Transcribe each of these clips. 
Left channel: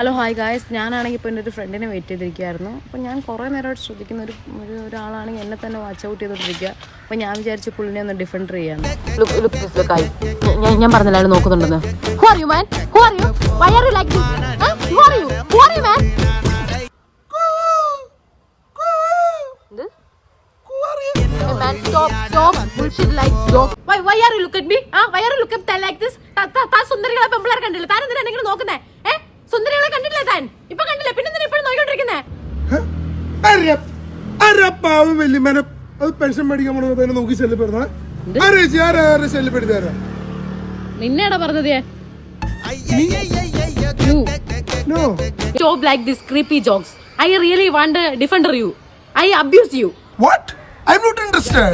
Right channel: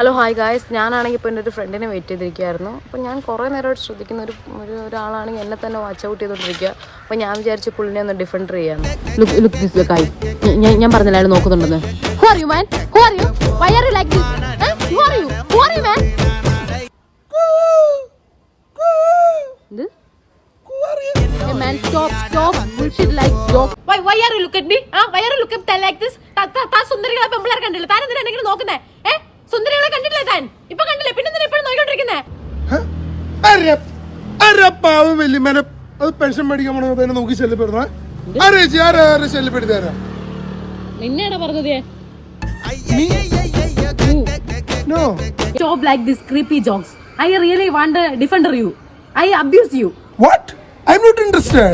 Hello hi guys, ഞാനാണെങ്കിൽ ഇപ്പോൾ എൻ്റെ ഒരു ഫ്രണ്ടിനെ വെയിറ്റ് ചെയ്തിരിക്കുകയായിരുന്നു. അപ്പോൾ ഞാൻ കുറേ നേരമായിട്ട് ശ്രദ്ധിക്കുന്ന ഒരാളാണെങ്കിൽ എന്നെ തന്നെ വാച്ച് ഔട്ട് ചെയ്തുകൊണ്ടിരിക്കുക. അപ്പോൾ ഞാൻ വിചാരിച്ചു പുള്ളിനെ ഒന്ന് ഡിഫൻഡർ ചെയ്യാം. ഞാൻ പറഞ്ഞില്ലായിരുന്നു നോക്കുന്നുണ്ടെന്ന്. Why are you looking at me? Why are you looking at like this? താൻ സുന്ദരികളെ പെമ്പിളാരെ കണ്ടില്ല. താൻ എന്തിനാ എന്തെങ്കിലും നോക്കുന്നേ? സുന്ദരികളെ കണ്ടില്ലേ താൻ? ഇപ്പൊ കണ്ടില്ലേ? പിന്നെ എന്തിനാ ഇപ്പോഴും നോക്കിക്കൊണ്ടിരിക്കുന്നേ? പെൻഷൻ മേടിക്കാൻ നോക്കി ശല്യപ്പെടുന്ന ശല്യപ്പെടുത്താരാ നിന്നെടാ പറഞ്ഞത്? Stop like this creepy jokes. I really want to defend you. I abuse you. What? I'm not interested.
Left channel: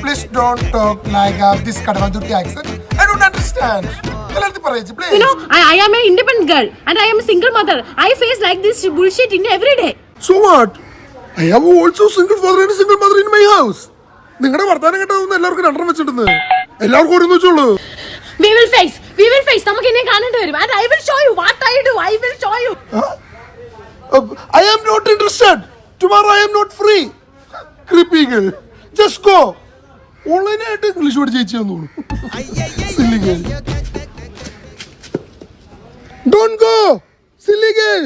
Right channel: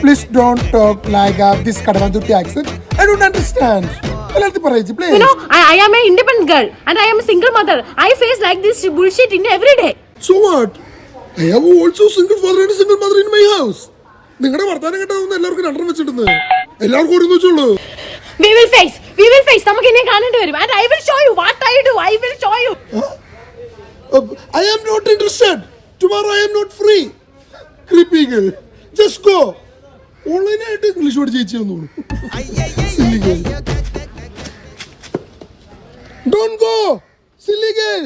Please don't talk like this Kadavadutti accent. I don't understand. Please. You know, I am an independent girl and I am a single mother. I face like this bullshit in every day. So what? I have also single father and a single mother in my house. നിങ്ങളുടെ വർത്താനം കേട്ടതൊന്നും എല്ലാവർക്കും രണ്ടെണ്ണം വെച്ചിട്ടുണ്ട്. എല്ലാവർക്കും ഒരു വെച്ചുള്ളൂ. We will face. നമുക്ക് ഇനി കാണേണ്ടി വരും. And I will show you what I do. I will show you. I am not interested. Tomorrow I am not free. Creepy girl. Just go. Online ആയിട്ട് ഇംഗ്ലീഷ് പഠിച്ച് ചേച്ചി വന്നോളൂ. Silly girl. Don't go. Silly girl.